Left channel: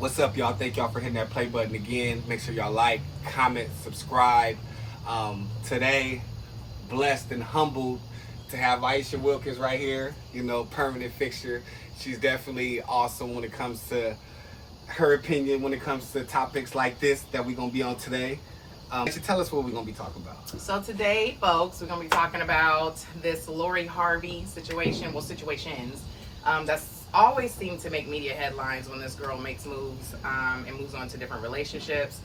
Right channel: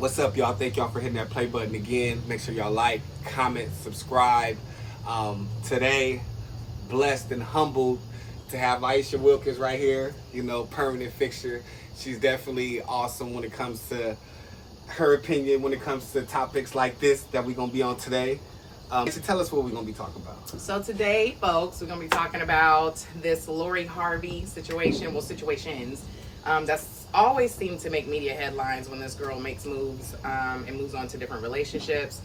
What's up, y'all? Thank y'all for hitting that play button again. Make sure y'all like, comment, subscribe. Today, blessed and humbled to have Aisha Wilkins right here. You know, permanent fixture. She's definitely awesome when it comes to her opinion, when it comes to topics like this that we're going to be on today. So tell us what we're going to be talking about. So today, folks, we're going to be talking about this Lori Harvey situation, situations. That's always seemed to make media headlines when this girl makes moves and moves on to different relationships.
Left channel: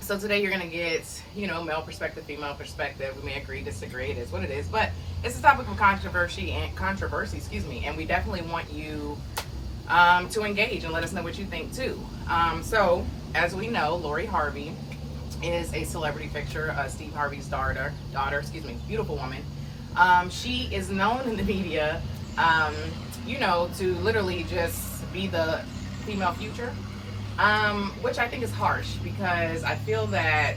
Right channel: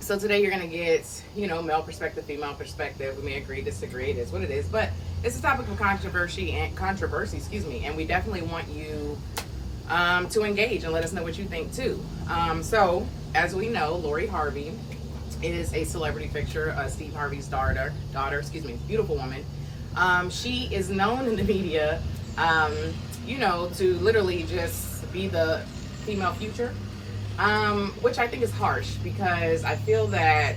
So today you're going to get, male perspective, female perspective. We may agree, disagree. It is what it is. But it's a topic of controversy, and we definitely want you to engage and let us know what you think too. So as we know, Lori Harvey is a celebrity fixture, Steve Harvey's daughter, beautiful woman. She is known in the media, to literally just be the female future, which I think is harsh, because I feel that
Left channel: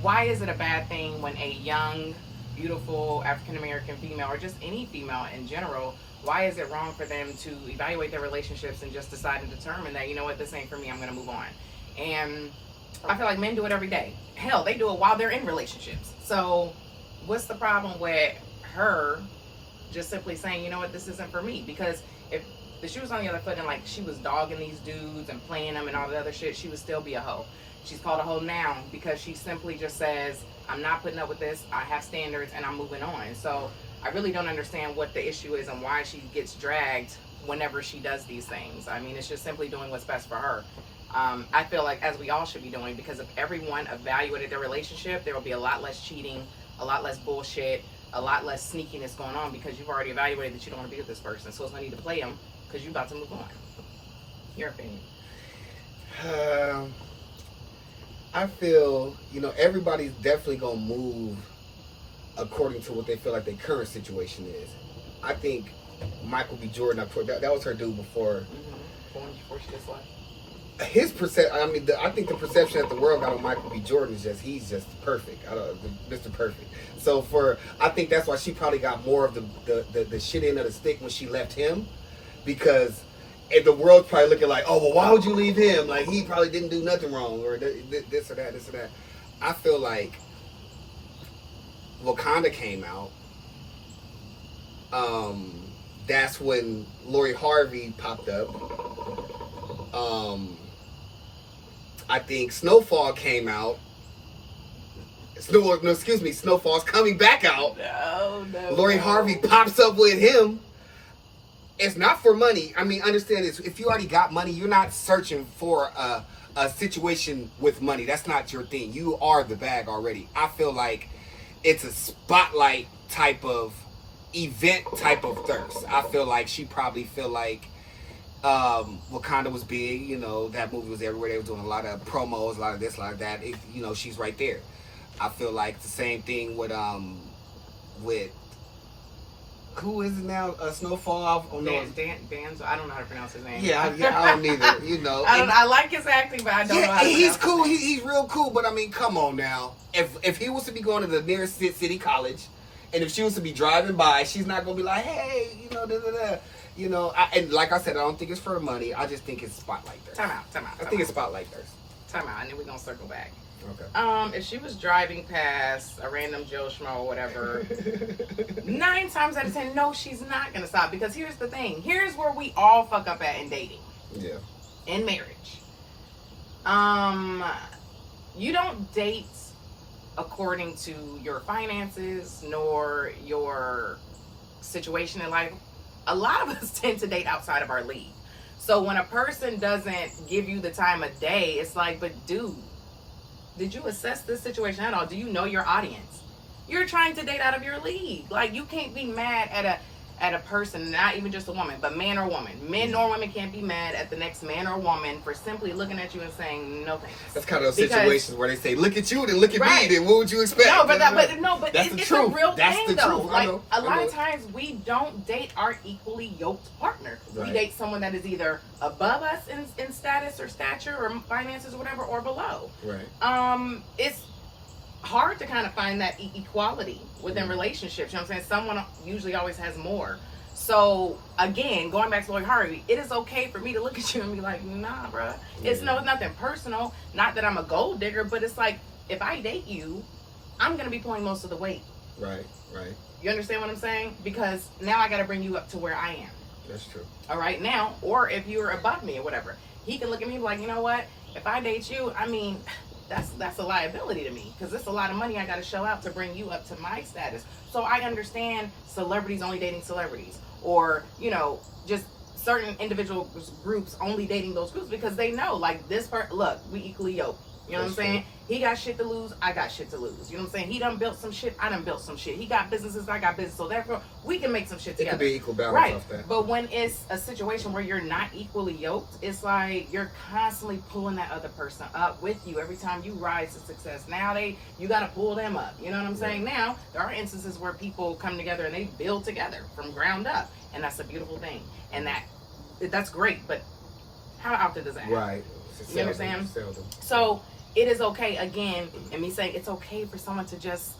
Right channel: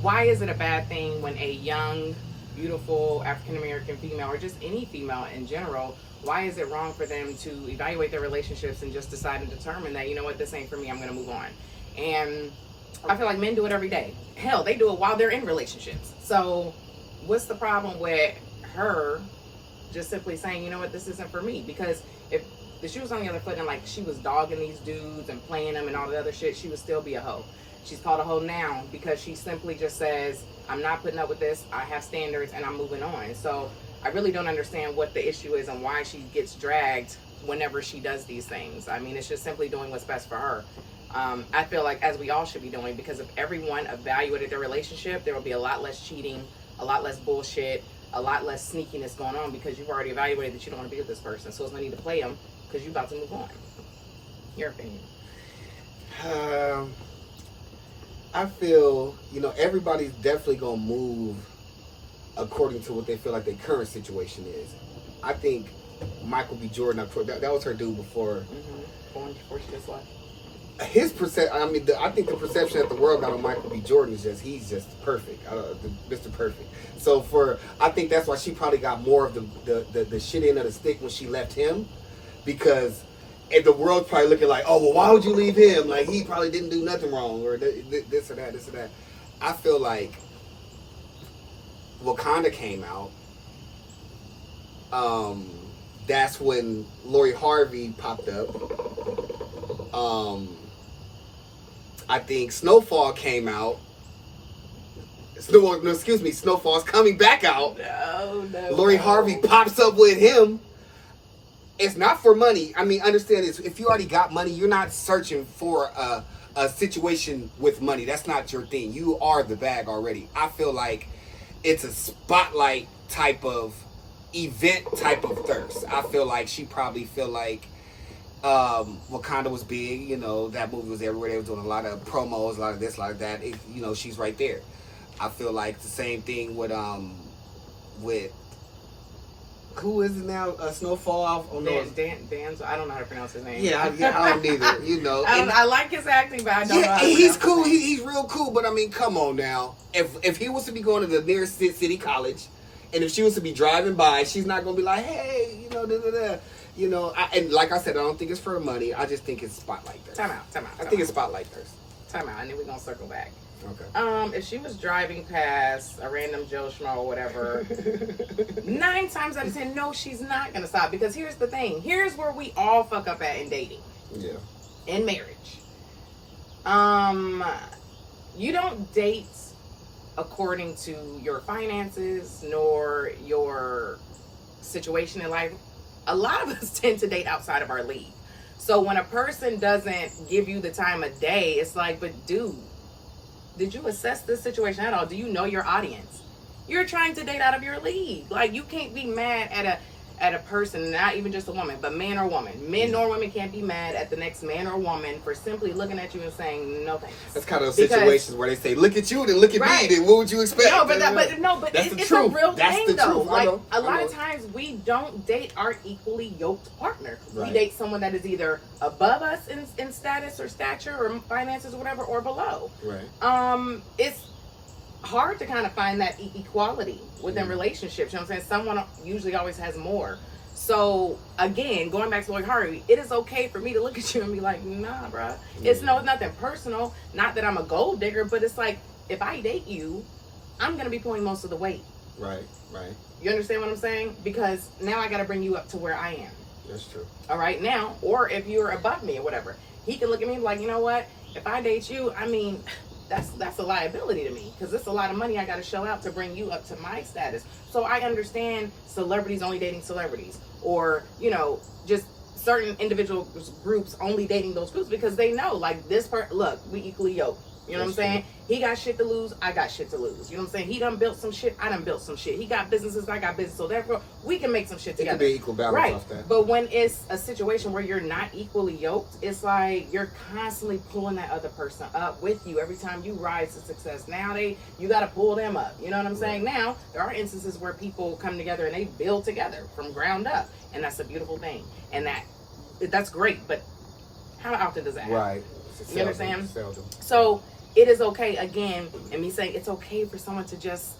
why is it a bad thing when a young, beautiful African-American female, or just any female in general, why is it wrong for them to evaluate their relationships and just decide and determine that, this ain't for me, I'm going to move on? And I feel like men do it every day. Hell, they do it while they're in relationships. So what's the problem with her just simply saying, this isn't for me? Because if the shoe was on the other foot and like she was dogging these dudes and playing them and all the other shit, she would still be a hoe. She's called a hoe now because she simply just says, I'm not putting up with this, I have standards, and I'm moving on. So I really don't understand what the issue is and why she gets dragged whenever she does these things. I mean, it's just simply doing what's best for her. I feel like, as we all should be doing, because if everyone evaluated their relationship, there will be a lot less cheating, a lot less bullshit, a lot less sneakiness going on, because you've already evaluated that you don't want to be with this person. So it's no need to play them because you're about to move on. Your opinion? I feel, everybody's definitely going to move according to what they feel like their current situation is. I think Michael B. Jordan, that was her dude before. Before she just left. His I think the perception that the world got on Michael B. Jordan is he's just perfect, Mr. Perfect. So I think that's why she probably got more of the shit end of the stick when she left him, because the world's probably looking like, oh, well, why would you leave him? Like, he probably didn't do nothing wrong, or this or that. I feel like Wakanda came out. That's when Lori Harvey popped up. I think Snowfall came out. Snowfall's coming back out. No. Lori Harvey pops up with him. It's not for money. I mean, understand this. If you already got money, you're not searching for a situation with money. That's not your thing. You are the bag already. I feel like it's a spotlight type of event type of thirst. I feel like she probably feel like Wakanda was big, that movie was everywhere. They were doing a lot of promos, a lot of this, a lot of that. She's right there. I feel like the same thing with who is it now? Snowfall. Dan's. I don't know how to pronounce his name. Yeah, I don't either. I like his acting, but I don't know how to pronounce he's cool. He's real cool. But I mean, come on now. If he was to be going to the nearest city college, and if she was to be driving by, she's not gonna be like, hey, and like I said, I don't think it's for money. I just think it's spotlight thirst. Time out. I think it's spotlight thirst. Time out, and then we're gonna circle back. Okay. If she was driving past a random Joe Schmo or whatever, 9 times out of 10, no, she's not gonna stop. Because here's the thing. Here's where we all fuck up at in dating. Yeah. In marriage. You don't date according to your finances nor your situation in life. A lot of us tend to date outside of our league. So when a person doesn't give you the time of day, it's like, but dude, did you assess this situation at all? Do you know your audience? You're trying to date out of your league. Like, you can't be mad at a person, not even just a woman, but man or woman. Men nor women can't be mad at the next man or woman for simply looking at you and saying no thanks. That's kind of situations where they say, look at you, then look at me, then what would you expect? No, but it's a real thing though. Like, a lot of times we don't date our equally yoked partner. Right. We date someone that is either above us in status or stature or finances or whatever, or below. Right. It's hard to kind of find that equality within relationships. You know what I'm saying? Someone usually always has more. So again, going back to Lori Harvey, it is okay for me to look at you and be like, nah, bro. It's nothing personal. Not that I'm a gold digger, but it's like if I date you, I'm gonna be pulling most of the weight. Right. You understand what I'm saying? Because now I got to bring you up to where I am. That's true. All right, now, or if you're above me or whatever, he can look at me like, you know what? If I date you, I mean, that's a liability to me because it's a lot of money I got to shell out to bring you up to my status. So I understand celebrities only dating celebrities, or just certain individual groups only dating those groups because they know, like, this part. Look, we equally yoked. You know what I'm saying? He got shit to lose, I got shit to lose. You know what I'm saying? He done built some shit, I done built some shit. He got businesses, I got business. So therefore, we can make some shit together. It can be equal balance right. off that. But when it's a situation where you're not equally yoked, it's like you're constantly pulling that other person up with you every time you rise to success. Now you got to pull them up. You know what I'm saying? Now, there are instances where people come together and they build together from ground up. And that's a beautiful thing. And that's great. But how often does that happen? Right. You understand? Seldom. So it is okay, again, and me saying it's okay for someone to just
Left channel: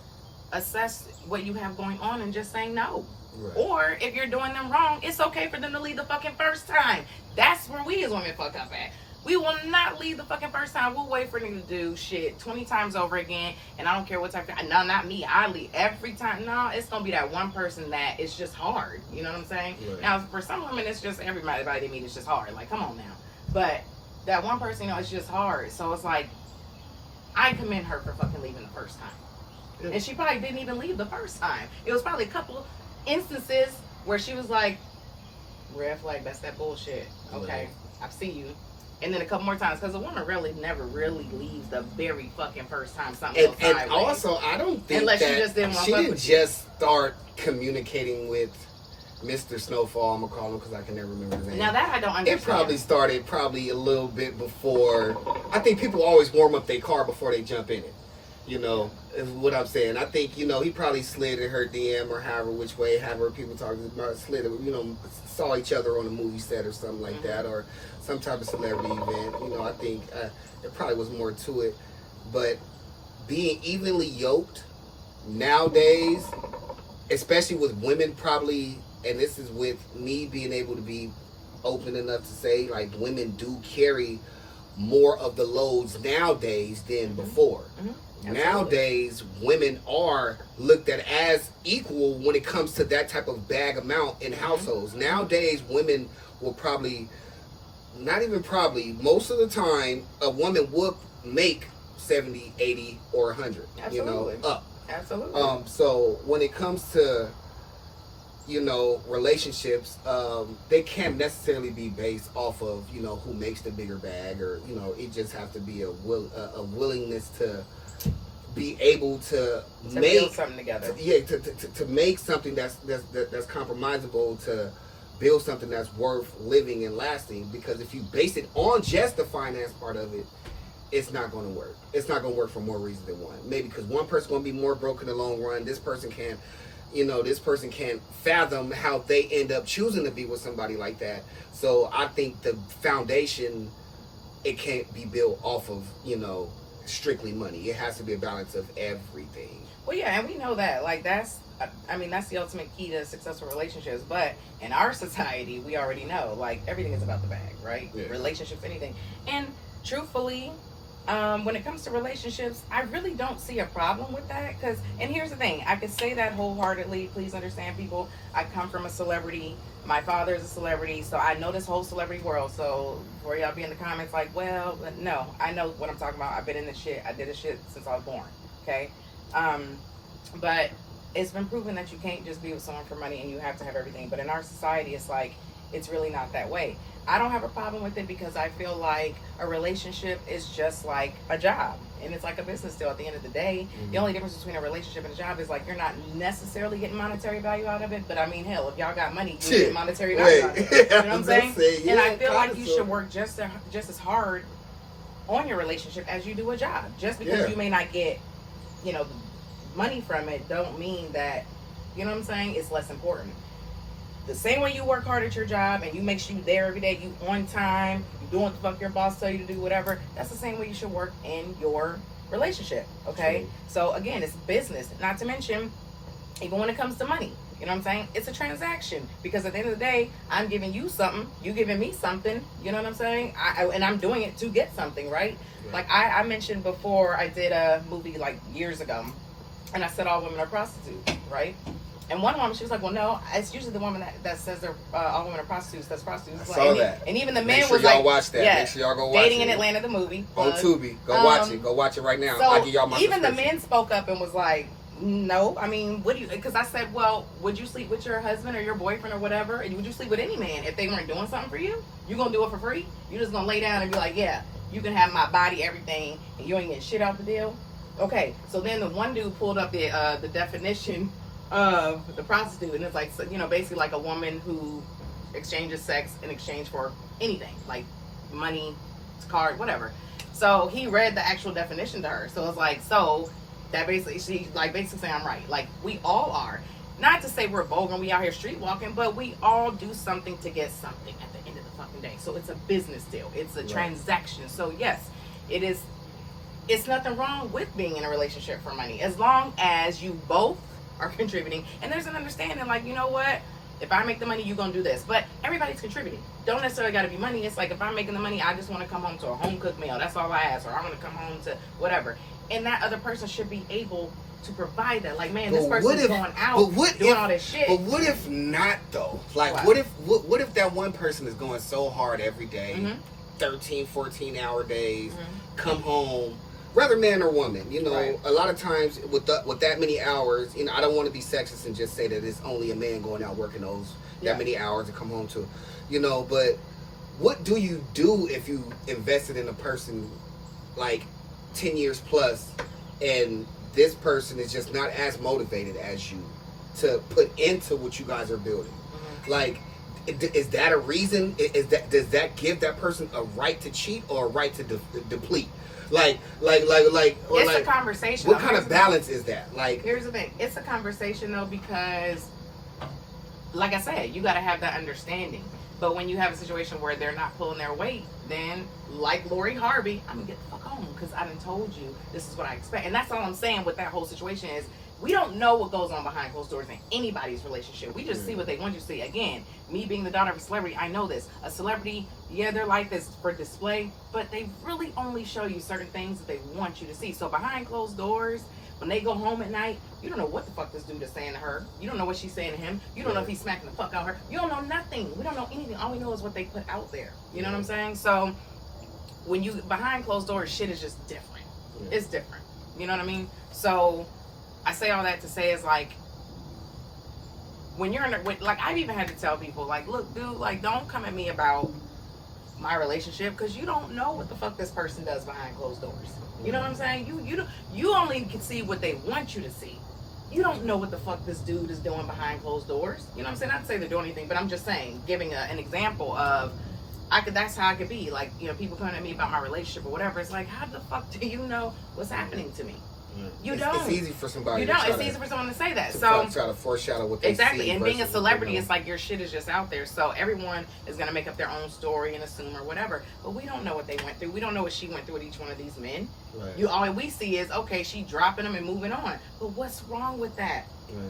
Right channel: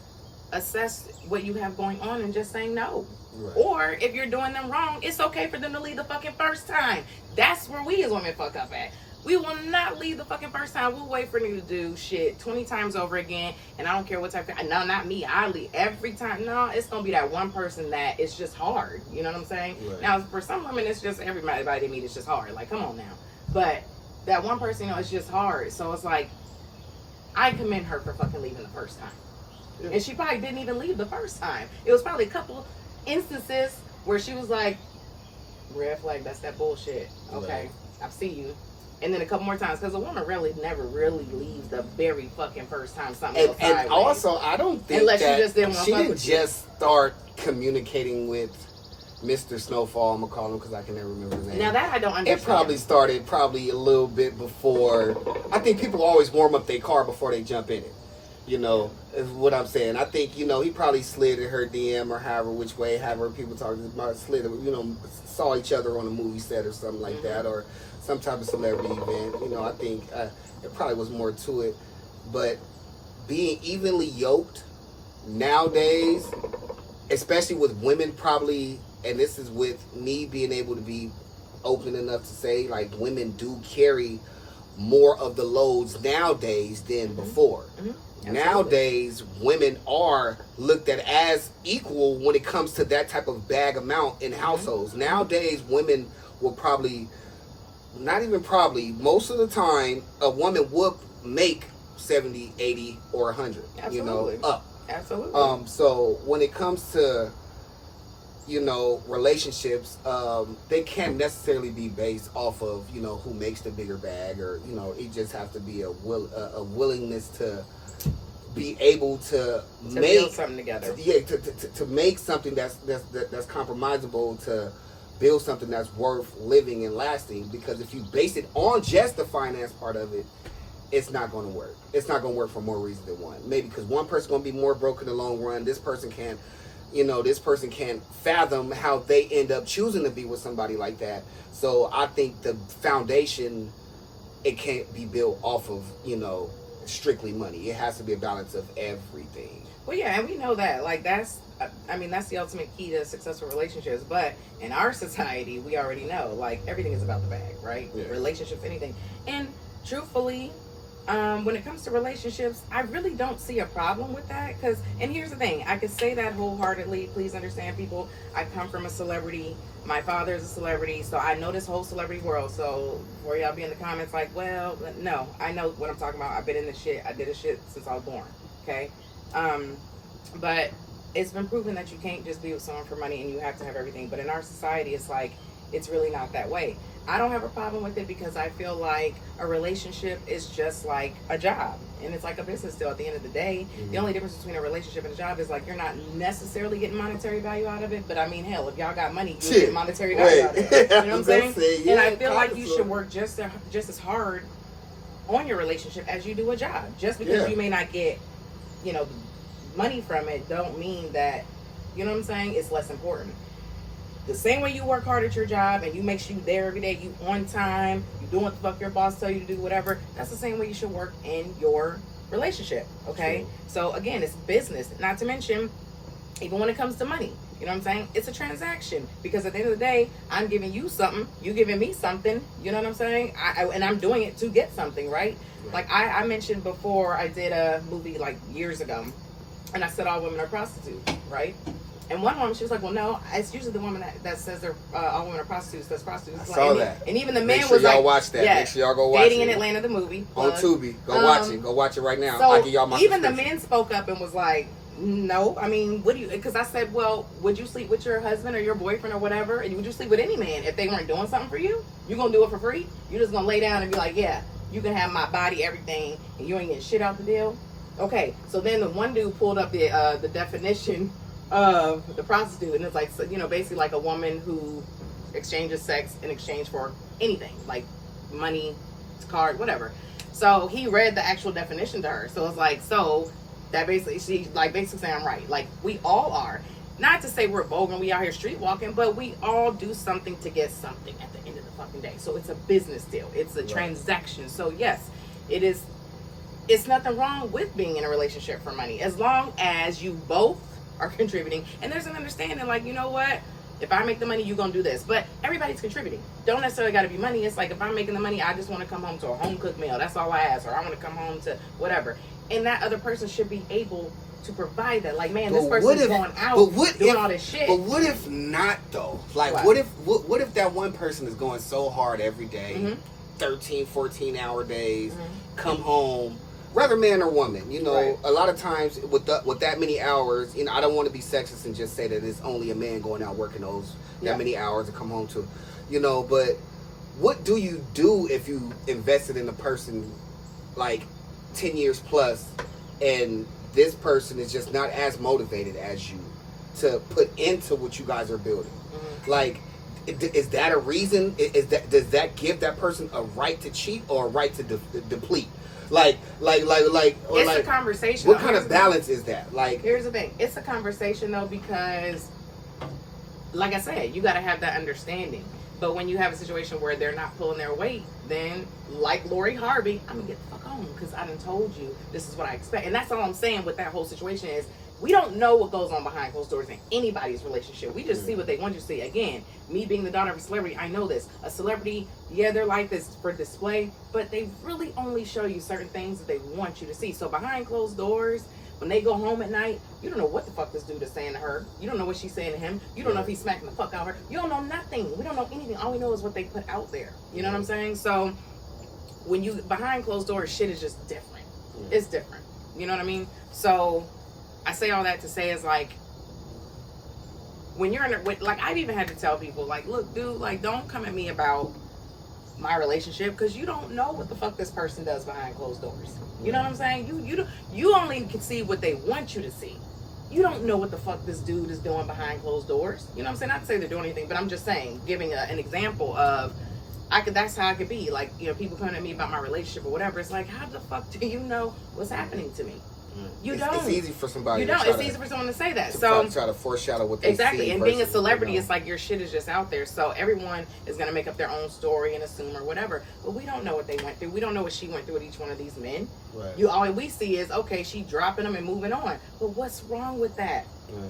assess what you have going on and just saying no. Right. Or if you're doing them wrong, it's okay for them to leave the fucking first time. That's where we as women fuck up at. We will not leave the fucking first time. We'll wait for you to do shit 20 times over again. And I don't care what type of, no, not me. I leave every time. No, it's going to be that one person that it's just hard. You know what I'm saying? Right. Now, for some women, it's just everybody they meet is just hard. Like, come on now. But that one person, it's just hard. So it's like, I commend her for fucking leaving the first time. Yeah. And she probably didn't even leave the first time. It was probably a couple of instances where she was like, red flag, that's that bullshit. Okay, right. I see you. And then a couple more times, because a woman really never really leaves the very fucking first time something goes sideways. And also, I don't think unless that she didn't just start communicating with Mr. Snowfall, I'm gonna call him because I can never remember his name. Now that I don't understand. It probably started a little bit before. I think people always warm up their car before they jump in it. Is what I'm saying. I think, he probably slid in her DM or however people talking about slid, saw each other on a movie set or something like that, or some type of celebrity event. I think it probably was more to it. But being evenly yoked nowadays, especially with women probably, and this is with me being able to be open enough to say, like, women do carry more of the loads nowadays than before. Nowadays, women are looked at as equal when it comes to that type of bag amount in households. Nowadays, women will probably, not even probably, most of the time, a woman would make 70, 80, or 100, up. Absolutely. So when it comes to, relationships, they can't necessarily be based off of, who makes the bigger bag, or, it just has to be a willingness to be able to make build something together. To make something that's compromisable, to build something that's worth living and lasting. Because if you base it on just the finance part of it, it's not going to work. It's not going to work for more reasons than one. Maybe because one person's going to be more broke in the long run. This person can't fathom how they end up choosing to be with somebody like that. So I think the foundation, it can't be built off of, strictly money. It has to be a balance of everything. Well, yeah, and we know that. Like, that's the ultimate key to successful relationships. But in our society, we already know, like, everything is about the bag, right? Yeah. Relationships, anything. And truthfully, when it comes to relationships, I really don't see a problem with that. And here's the thing, I could say that wholeheartedly. Please understand, people, I come from a celebrity. My father is a celebrity, so I know this whole celebrity world. So for y'all be in the comments like, well, but no, I know what I'm talking about. I've been in this shit. I did this shit since I was born. Okay, but it's been proven that you can't just be with someone for money and you have to have everything. But in our society, it's like, it's really not that way. I don't have a problem with it because I feel like a relationship is just like a job, and it's like a business deal at the end of the day. The only difference between a relationship and a job is like you're not necessarily getting monetary value out of it, but I mean, hell, if y'all got money, you get monetary value out of it. You know what I'm saying? And I feel like you should work just as hard on your relationship as you do a job. Just because you may not get, money from it, don't mean that, you know what I'm saying, it's less important. The same way you work hard at your job and you make sure you there every day, you on time, you doing what the fuck your boss tell you to do, whatever, that's the same way you should work in your relationship, okay? So again, it's business. Not to mention, even when it comes to money, You know what I'm saying? It's a transaction because at the end of the day, I'm giving you something, you giving me something. You know what I'm saying? And I'm doing it to get something, right? Like I mentioned before, I did a movie like years ago, and I said all women are prostitutes, right? And one woman, she was like, well, no, it's usually the woman that says they're all women are prostitutes. That's prostitutes. I saw that. And even the Make man sure was y'all like, watch that. yeah, Make sure y'all go watch Dating it. in Atlanta, the movie. On Tubi. Go watch it. Go watch it right now. So I'll give y'all my even the subscription. men spoke up and was like, no, I mean, what do you, because I said, well, would you sleep with your husband or your boyfriend or whatever? And would you sleep with any man if they weren't doing something for you? You gonna do it for free? You just gonna lay down and be like, yeah, you can have my body, everything, and you ain't getting shit out the deal? Okay, so then the one dude pulled up the definition of the prostitute, and it's like, so, you know, basically like a woman who exchanges sex in exchange for anything, like money, card, whatever. So he read the actual definition to her. So it's like, so that basically, she like basically saying I'm right. Like we all are. Not to say we're vulgar and we out here street walking, but we all do something to get something at the end of the fucking day. So it's a business deal. It's a transaction. So yes, it is. It's nothing wrong with being in a relationship for money as long as you both are contributing and there's an understanding. Like, you know what? If I make the money, you're gonna do this. But everybody's contributing. Don't necessarily gotta be money. It's like if I'm making the money, I just want to come home to a home cooked meal. That's all I ask. Or I want to come home to whatever. And that other person should be able to provide that. Like, man, this person's going out doing all this shit. But what if not though? Like, what if that one person is going so hard every day, 13, 14-hour days, come home, whether man or woman, you know, a lot of times with that many hours, you know, I don't want to be sexist and just say that it's only a man going out working that many hours to come home to, you know, but what do you do if you invested in a person like 10 years plus and this person is just not as motivated as you to put into what you guys are building? Like, is that a reason? Does that give that person a right to cheat or a right to deplete? Like, it's a conversation. What kind of balance is that? Like, here's the thing. It's a conversation though, because like I said, you got to have that understanding. But when you have a situation where they're not pulling their weight, then like Lori Harvey, I'm gonna get the fuck home because I done told you this is what I expect. And that's all I'm saying with that whole situation is we don't know what goes on behind closed doors in anybody's relationship. We just see what they want you to see. Again, me being the daughter of a celebrity, I know this. A celebrity, yeah, their life is for display, but they really only show you certain things that they want you to see. So behind closed doors, when they go home at night, you don't know what the fuck this dude is saying to her. You don't know what she's saying to him. You don't know if he's smacking the fuck out of her. You don't know nothing. We don't know anything. All we know is what they put out there. You know what I'm saying? So when you behind closed doors, shit is just different. It's different. You know what I mean? So I say all that to say is like, when you're in a, like, I've even had to tell people, like, look, dude, like, don't come at me about my relationship because you don't know what the fuck this person does behind closed doors. You know what I'm saying? You only can see what they want you to see. You don't know what the fuck this dude is doing behind closed doors. You know what I'm saying? Not to say they're doing anything, but I'm just saying, giving an example of, that's how I could be. Like, you know, people coming at me about my relationship or whatever. It's like, how the fuck do you know what's happening to me? You don't. It's easy for somebody. You don't. It's easy for someone to say that. So try to foreshadow what they exactly. see And being a versus, celebrity, you know. it's like your shit is just out there. So everyone is gonna make up their own story and assume or whatever. But we don't know what they went through. We don't know what she went through with each one of these men. Right. All we see is, okay, she dropping them and moving on. But what's wrong with that?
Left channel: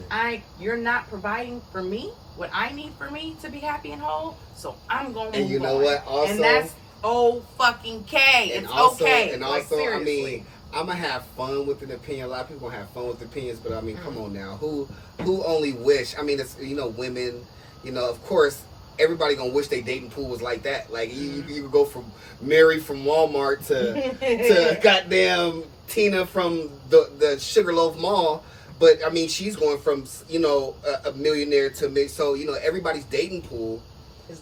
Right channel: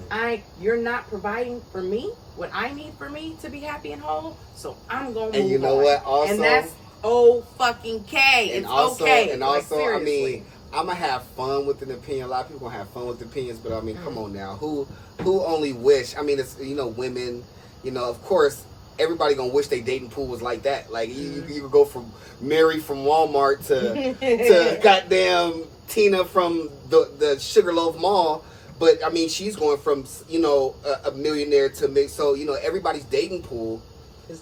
Right. You're not providing for me what I need for me to be happy and whole. So I'm gonna move on. And you know what? Also, and that's fucking K. It's okay. And like, also, seriously. I mean, I'm gonna have fun with an opinion. A lot of people gonna have fun with opinions, but I mean, come on now. Who only wish? I mean, it's, you know, women. You know, of course, everybody gonna wish their dating pool was like that. Like you could go from Mary from Walmart to goddamn Tina from the Sugarloaf Mall. But I mean, she's going from, you know, a millionaire to me. So, you know, everybody's dating pool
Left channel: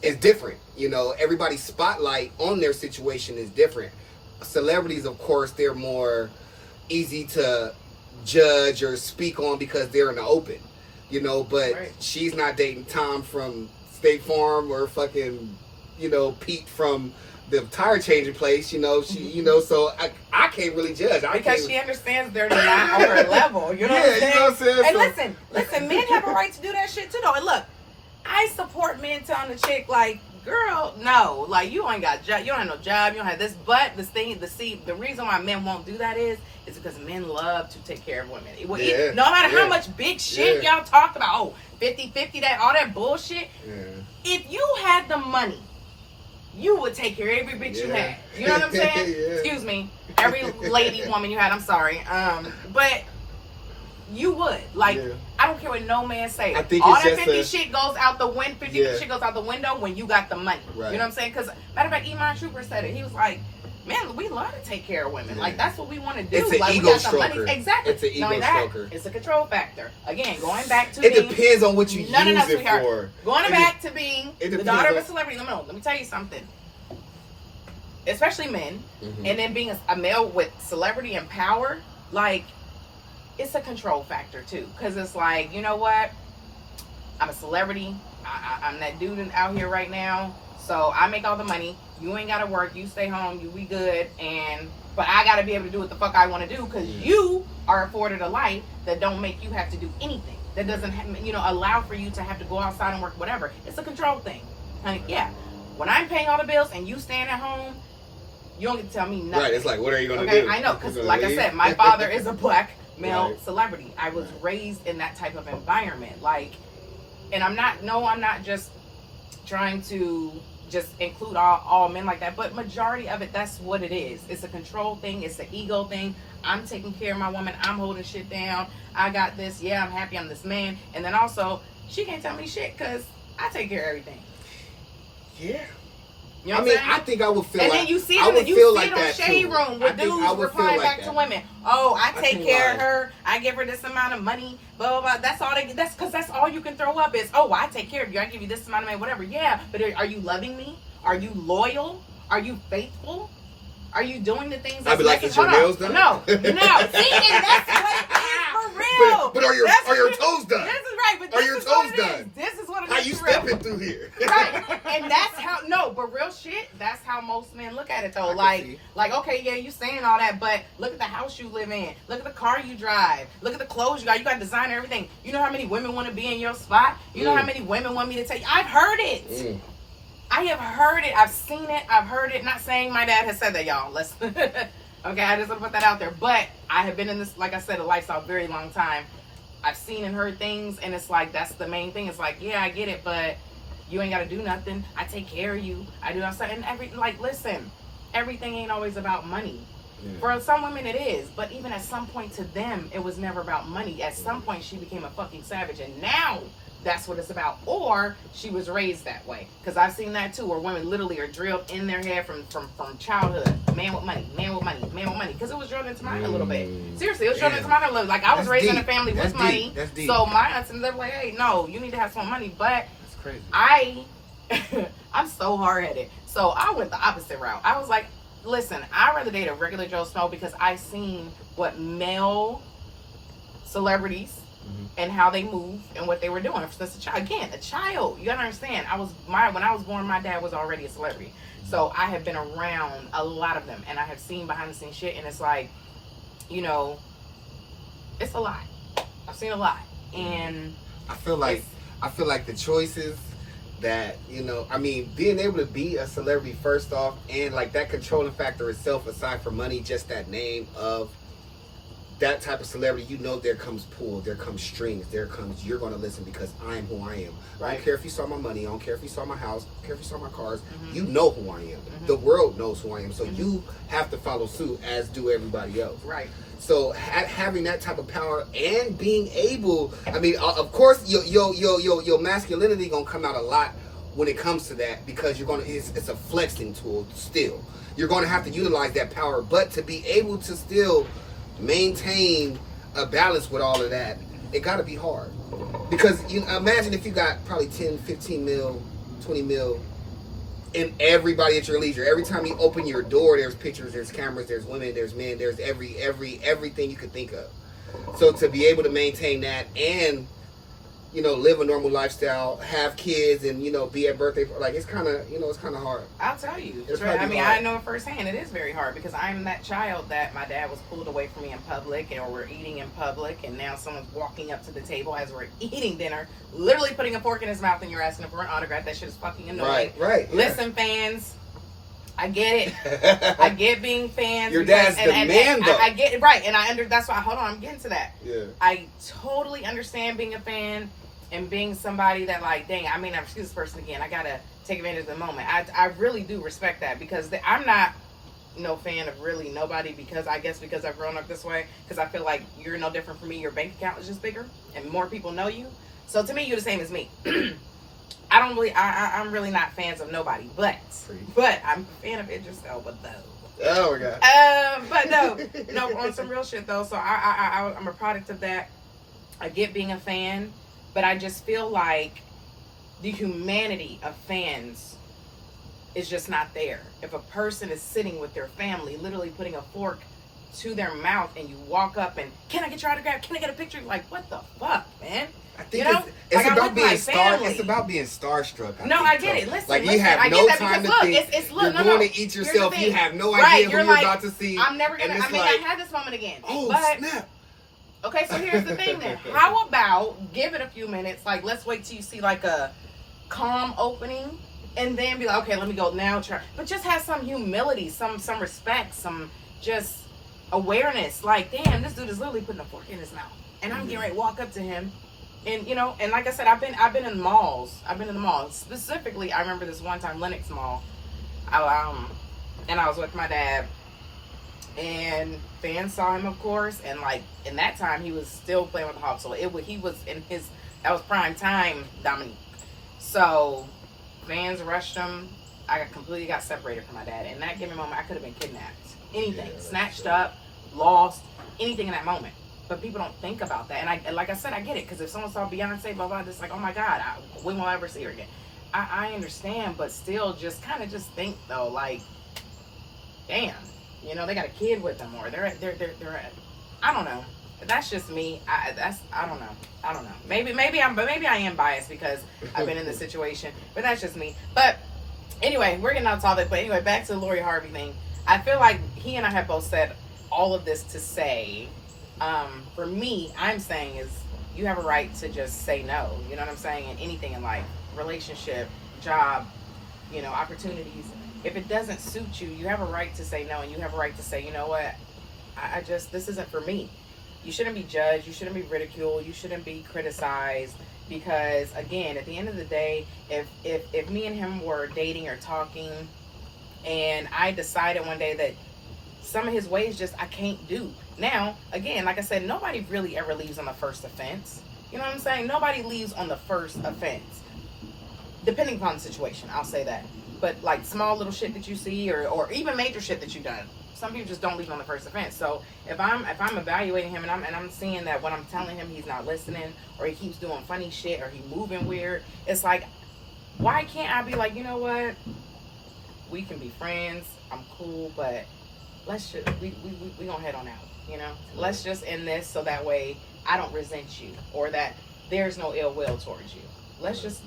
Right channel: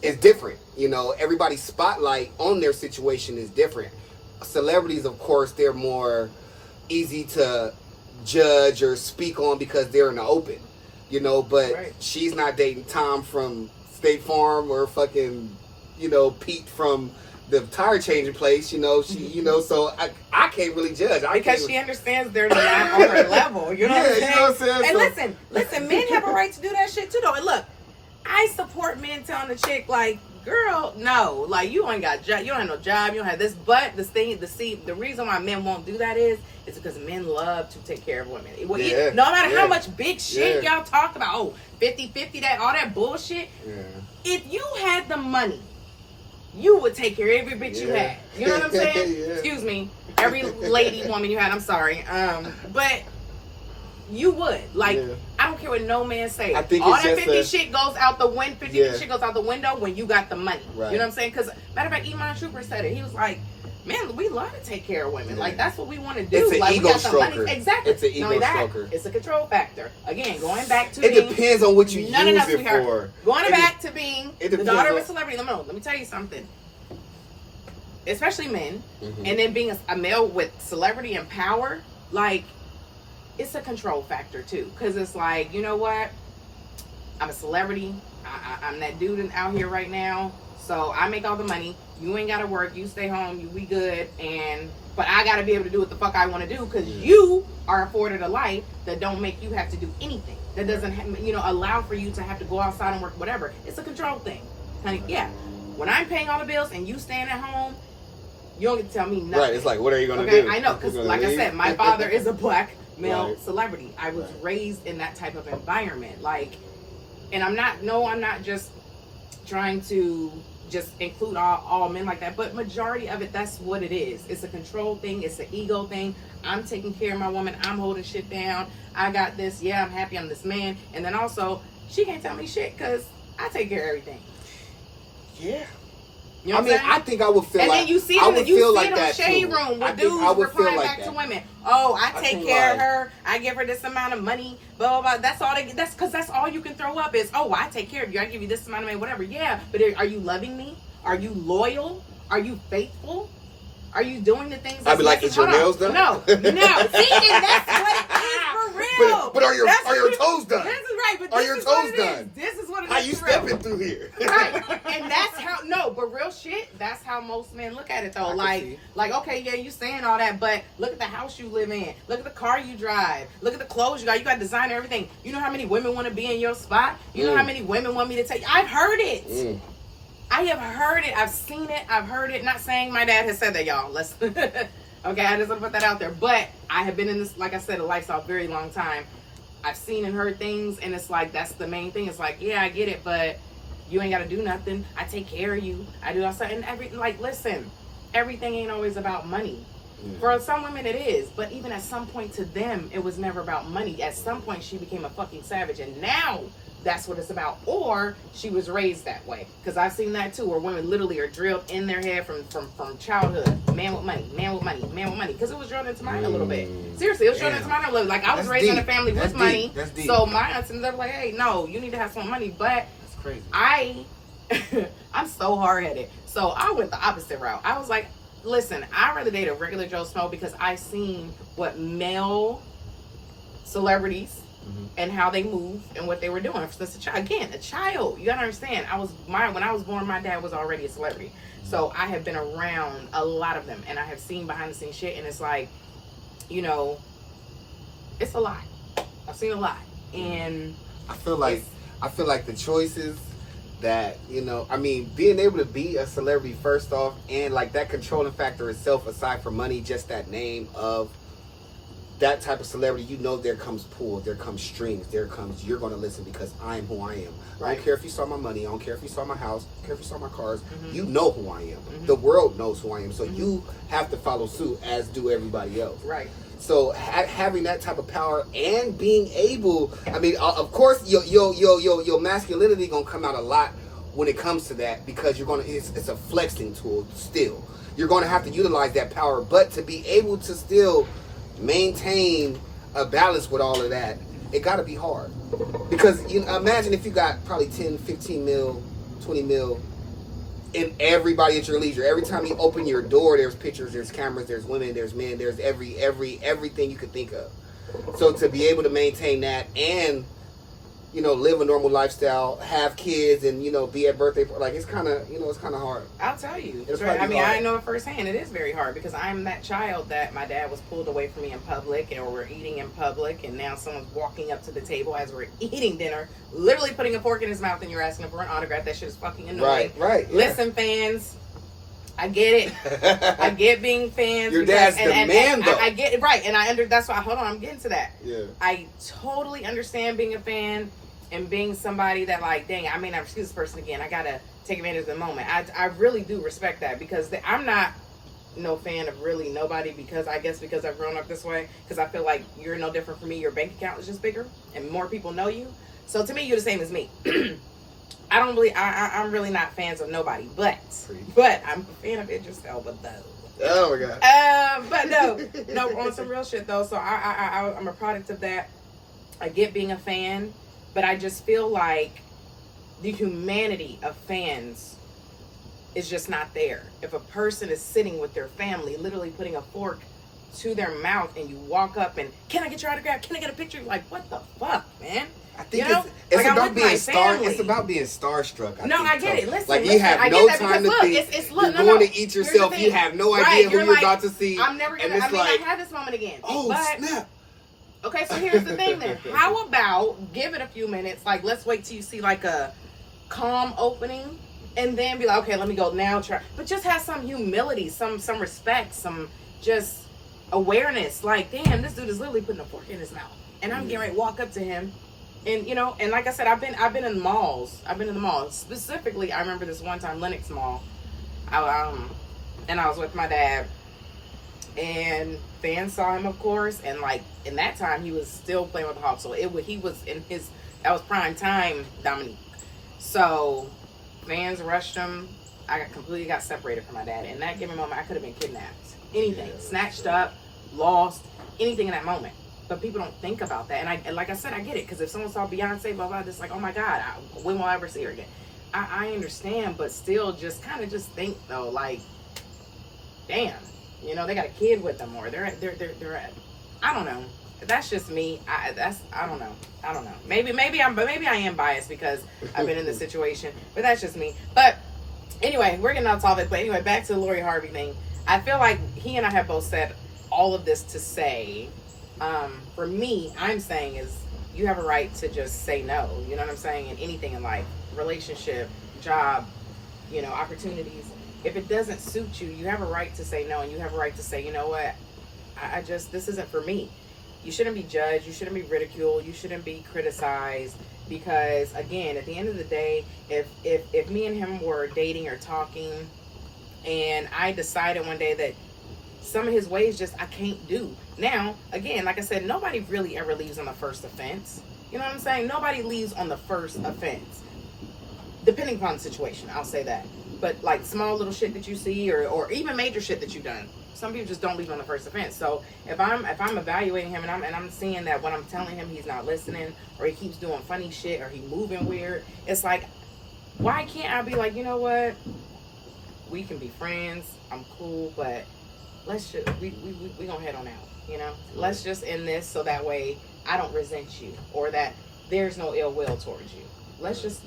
is different. You know, everybody's spotlight on their situation is different. Celebrities, of course, they're more easy to judge or speak on because they're in the open, you know, but she's not dating Tom from State Farm or fucking, you know, Pete from the tire changing place, you know, she, you know, so I can't really judge. Because she understands they're not on her level, you know what I'm saying? You know what I'm saying? And listen, men have a right to do that shit too, though. And look, I support men telling the chick, like, girl, no, like you ain't got job, you don't have no job, you don't have this. But the reason why men won't do that is because men love to take care of women. No matter how much big shit y'all talk about, 50-50, that all that bullshit. Yeah. If you had the money, you would take care of every bitch you had. You know what I'm saying? Excuse me, every lady, woman you had. I'm sorry, but. You would. Like, I don't care what no man say. I think all that 50 shit goes out the window. 50 shit goes out the window when you got the money. Right. You know what I'm saying? Because, matter of fact, Iman Trooper said it. He was like, man, we love to take care of women. Yeah. Like, that's what we want to do. It's an like, ego we got stroker. The money. Exactly. It's an ego stroker. It's a control factor. Again, going back to it depends on what you use it for. Going back to being the daughter of a celebrity. Let me tell you something. Especially men. Mm-hmm. And then being a male with celebrity and power, like, it's a control factor too, because it's like, you know what, I'm a celebrity, I'm that dude out here right now, so I make all the money, you ain't gotta work, you stay home, we good, but I gotta be able to do what the fuck I want to do, because you are afforded a life that don't make you have to do anything, that doesn't allow for you to have to go outside and work, whatever. It's a control thing, honey. Yeah, when I'm paying all the bills and you staying at home, you don't get to tell me nothing. Right, it's like, what are you gonna do? I know, because like I said, my father is a black male celebrity. I was raised in that type of environment. Like, and I'm not just trying to just include all men like that, but majority of it, that's what it is. It's a control thing. It's an ego thing. I'm taking care of my woman. I'm holding shit down. I got this. Yeah, I'm happy I'm this man. And then also, she can't tell me shit because I take care of everything. Yeah. You know what I think I would feel and like... And then you see it in the shade room with dudes replying back to women. Oh, I take care of her. I give her this amount of money. Blah, blah, blah. That's because that's all you can throw up is, oh, I take care of you. I give you this amount of money, whatever. Yeah, but are you loving me? Are you loyal? Are you faithful? Are you doing the things I'd be like, is your nails done? No. See, and that's what it is for real. But are your toes done? This is right, but are your toes done? This is what it is. How you stepping through here? Right. And that's how, but real shit, that's how most men look at it though. Like, okay, yeah, you saying all that, but look at the house you live in. Look at the car you drive. Look at the clothes you got. You got designer everything. You know how many women want to be in your spot? You know how many women want me to take? I've heard it. I have heard it. I've seen it. I've heard it. Not saying my dad has said that, y'all. Let's okay, I just want to put that out there. But I have been in this, like I said, a lifestyle a very long time. I've seen and heard things, and it's like, that's the main thing. It's like, yeah, I get it, but you ain't got to do nothing. I take care of you. I do outside. And listen, everything ain't always about money. For some women it is, but even at some point to them, it was never about money. At some point, she became a fucking savage, and now that's what it's about. Or she was raised that way, because I've seen that too, where women literally are drilled in their head from childhood. Man with money, man with money, man with money, because it was drilled into mine a little bit. Seriously, it was drilled into mine a little bit. Like, I was raised in a family with money, so my aunts and they're like, hey, no, you need to have some money. But that's crazy. I'm so hard-headed, so I went the opposite route. I was like, listen, I'd rather date a regular Joe Snow, because I seen what male celebrities and how they move and what they were doing since a child. Again, a child. You gotta understand. When I was born, my dad was already a celebrity, so I have been around a lot of them, and I have seen behind the scenes shit, and it's like, it's a lot. I've seen a lot, and I feel like the choices that, being able to be a celebrity first off, and like that controlling factor itself, aside from money, just that name of that type of celebrity, there comes pull, there comes strings, there comes, you're going to listen because I am who I am. Right. I don't care if you saw my money, I don't care if you saw my house, I don't care if you saw my cars, you know who I am. The world knows who I am, so you have to follow suit, as do everybody else. Right. So having that type of power and being able, of course, your masculinity gonna come out a lot when it comes to that, because it's a flexing tool still. You're gonna have to utilize that power, but to be able to still maintain a balance with all of that, it gotta be hard. Because imagine if you got probably 10, 15 mil, 20 mil, and everybody at your leisure. Every time you open your door, there's pictures, there's cameras, there's women, there's men, there's everything you could think of. So to be able to maintain that and, live a normal lifestyle, have kids, and be at birthday. Like it's kind of, it's kind of hard. I'll tell you. It's I mean, hard. I know it firsthand. It is very hard because I'm that child that my dad was pulled away from me in public, or we're eating in public, and now someone's walking up to the table as we're eating dinner, literally putting a fork in his mouth, and you're asking him for an autograph. That shit is fucking annoying. Right. Yeah. Listen, fans. I get it. I get being fans. Your dad's the man, though. I get it, right, and that's why. Hold on, I'm getting to that. Yeah. I totally understand being a fan and being somebody that, like, dang, I may not excuse this person again. I gotta take advantage of the moment. I really do respect that because I'm not no fan of really nobody because I've grown up this way. Because I feel like you're no different from me. Your bank account is just bigger and more people know you. So to me, you're the same as me. I'm really not fans of nobody, but I'm a fan of Idris Elba though. Oh my god. But no, on some real shit though. So I'm a product of that. I get being a fan, but I just feel like the humanity of fans is just not there. If a person is sitting with their family, literally putting a fork to their mouth, and you walk up and, can I get your autograph? Can I get a picture? Like, what the fuck, man? I think it's about being It's about being starstruck. I get it. Listen, you have no time to think. You're going to eat yourself. You have no idea who you're about to see. I'm never gonna. I mean, I had this moment again. Oh snap! Okay, so here's the thing then. How about give it a few minutes? Like, let's wait till you see like a calm opening, and then be like, okay, let me go now. Try, but just have some humility, some respect, some just awareness. Like, damn, this dude is literally putting a fork in his mouth, and I'm getting ready to walk up to him. And and like I said, I've been in the malls. Specifically, I remember this one time, Lenox Mall. And I was with my dad, and fans saw him, of course. And like in that time, he was still playing with the Hawks, so he was in his, that was prime time, Dominique. So fans rushed him. I completely got separated from my dad. In that given moment, I could have been kidnapped, anything, snatched up, lost, anything in that moment. But people don't think about that. And like I said, I get it. Because if someone saw Beyonce, blah, blah, it's like, oh my God, when will I ever see her again? I understand, but still just kind of just think, though, like, damn, they got a kid with them, or they're at, I don't know. That's just me. I don't know. Maybe I am biased because I've been in this situation, but that's just me. But anyway, we're getting off topic. But anyway, back to the Lori Harvey thing. I feel like he and I have both said all of this to say, for me, I'm saying is you have a right to just say no. You know what I'm saying? In anything in life, relationship, job, opportunities. If it doesn't suit you, you have a right to say no, and you have a right to say, you know what, this isn't for me. You shouldn't be judged. You shouldn't be ridiculed. You shouldn't be criticized. Because again, at the end of the day, if me and him were dating or talking, and I decided one day that some of his ways I can't do. Now, again, like I said, nobody really ever leaves on the first offense. You know what I'm saying? Nobody leaves on the first offense. Depending upon the situation, I'll say that. But like small little shit that you see, or even major shit that you've done, some people just don't leave on the first offense. So if I'm evaluating him and I'm seeing that what I'm telling him he's not listening, or he keeps doing funny shit, or he moving weird, it's like, why can't I be like, you know what? We can be friends. I'm cool, but let's just we gonna head on out. Let's just end this so that way I don't resent you, or that there's no ill will towards you. Let's just